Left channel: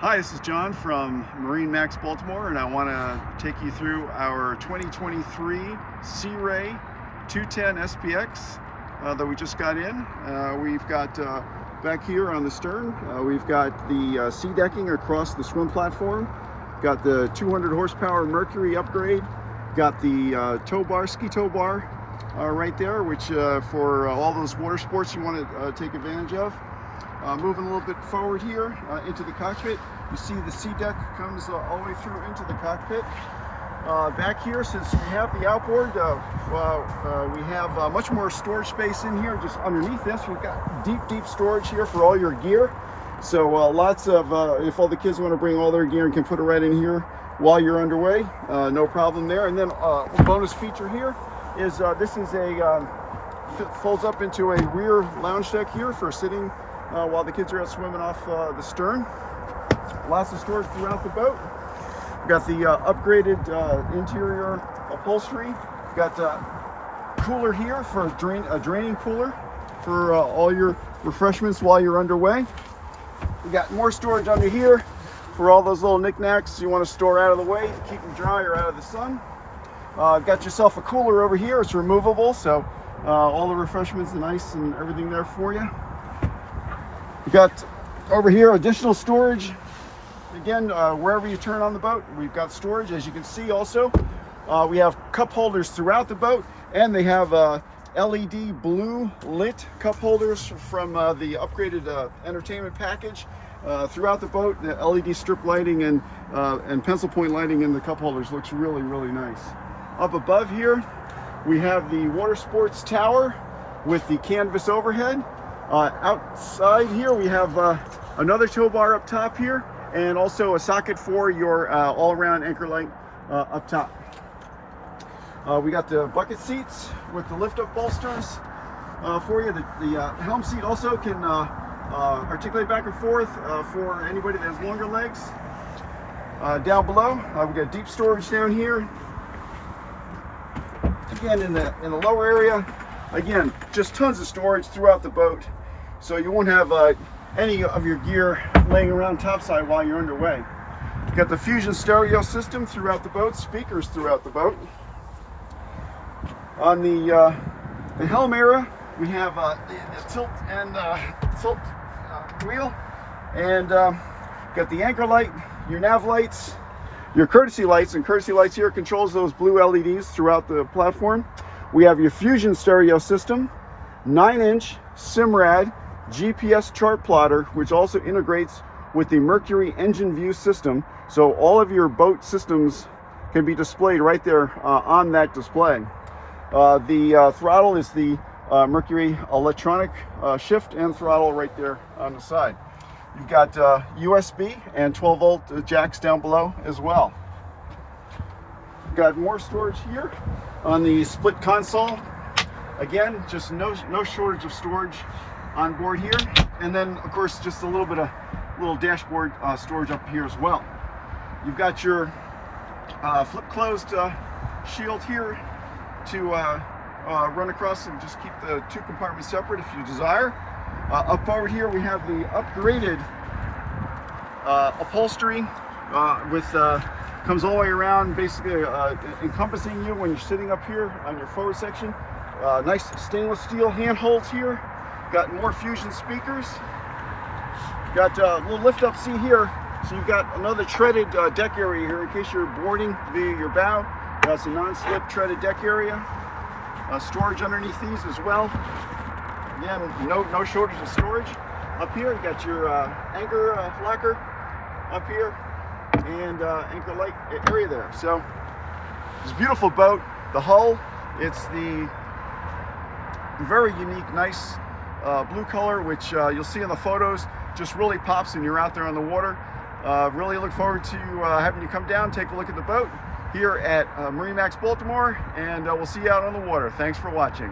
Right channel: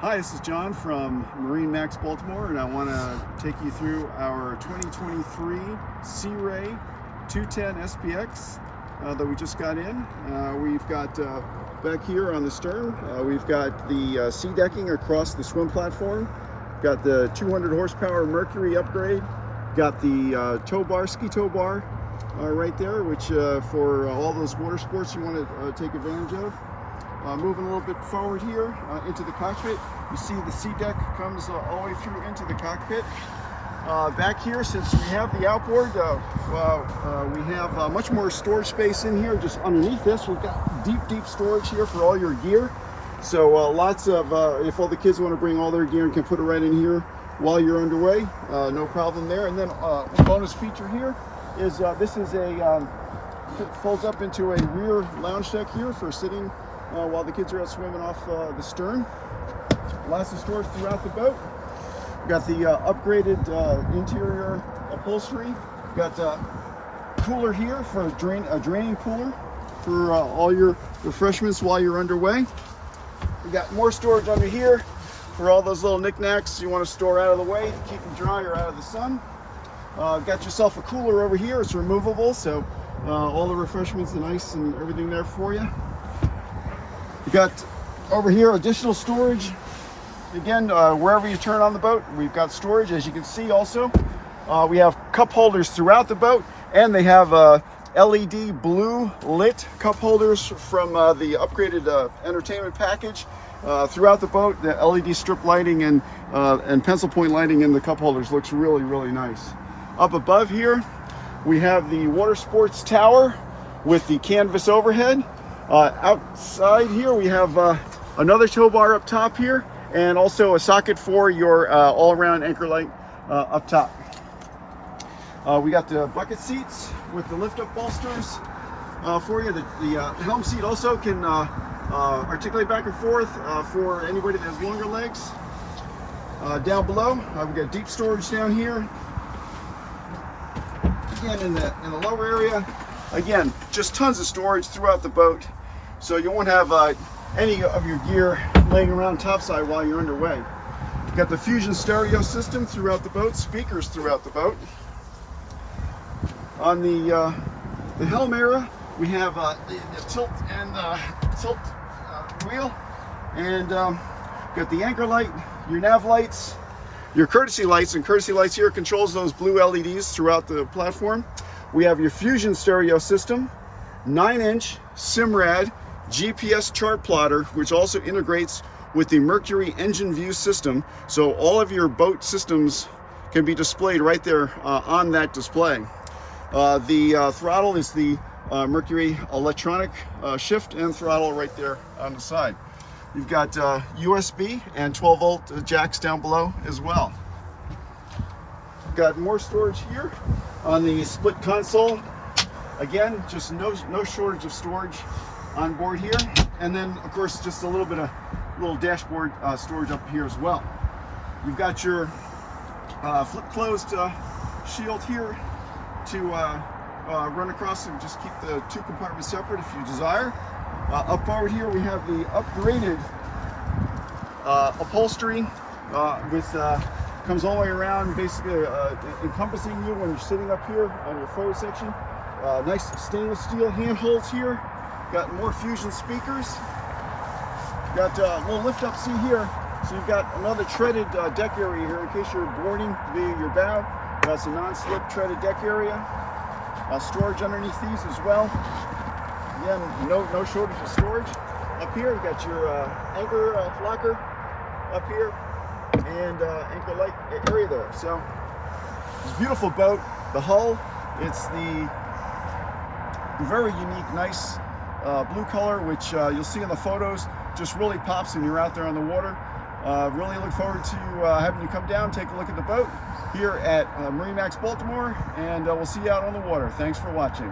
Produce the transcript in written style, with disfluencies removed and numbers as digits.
Hi, this is John from MarineMax Baltimore, and I want to take you through our 2023 Sea Ray 210 SPX that we just got in. We've got back here on the stern, we've got the sea decking across the swim platform, got the 200 horsepower Mercury upgrade, got the tow bar, ski tow bar right there, which for all those water sports you want to take advantage of. Moving a little bit forward here into the cockpit, you see the sea deck comes all the way through into the cockpit. Back here, since we have the outboard, we have much more storage space in here. Just underneath this, we've got deep storage here for all your gear. So lots of, if all the kids want to bring all their gear and can put it right in here while you're underway, no problem there. And then one bonus feature here is this is a, folds up into a rear lounge deck here for sitting while the kids are out swimming off the stern. Lots of storage throughout the boat. We've got the upgraded interior upholstery. We've got a cooler here for a draining cooler for all your refreshments while you're underway. We got more storage under here for all those little knickknacks you want to store out of the way to keep them dry or out of the sun. Got yourself a cooler over here. It's removable, so all the refreshments and ice and everything there for you. We got over here additional storage. Again, wherever you turn on the boat, we've got storage. As you can see also, we have cup holders throughout the boat, and they have LED blue lit cup holders from the upgraded entertainment package throughout the boat. The LED strip lighting and pencil point lighting in the cup holders looks really nice. Up above here, we have the water sports tower with the canvas overhead. Outside here, we have another tow bar up top here, and also a socket for your all-around anchor light up top. We got the bucket seats with the lift-up bolsters for you. The helm seat also can articulate back and forth for anybody that has longer legs. Down below, we've got deep storage down here. Again, in the lower area, again, just tons of storage throughout the boat, so you won't have any of your gear laying around topside while you're underway. You've got the Fusion stereo system throughout the boat, speakers throughout the boat. On the helm area, we have the tilt and tilt wheel, and got the anchor light, your nav lights, your courtesy lights, and courtesy lights here controls those blue LEDs throughout the platform. We have your Fusion stereo system, 9-inch Simrad GPS chart plotter, which also integrates with the Mercury engine view system, so all of your boat systems can be displayed right there on that display. The throttle is the Mercury electronic shift and throttle right there on the side. You've got USB and 12-volt jacks down below as well. You've got more storage here on the split console. Again, just no shortage of storage on board here, and then of course just a little bit of little dashboard storage up here as well. You've got your flip closed shield here to run across and just keep the two compartments separate if you desire. Up forward here we have the upgraded upholstery with comes all the way around, basically encompassing you when you're sitting up here on your forward section. Nice stainless steel handholds here. Got more Fusion speakers. Got a little lift up seat here, so you've got another treaded deck area here in case you're boarding via your bow. That's a non-slip treaded deck area. Storage underneath these as well. Again, no shortage of storage. Up here, you got your anchor locker up here and anchor light area there. So it's a beautiful boat. The hull, it's the very unique, nice blue color, which you'll see in the photos, just really pops when you're out there on the water. Really look forward to having you come down, take a look at the boat here at MarineMax Baltimore, and we'll see you out on the water. Thanks for watching.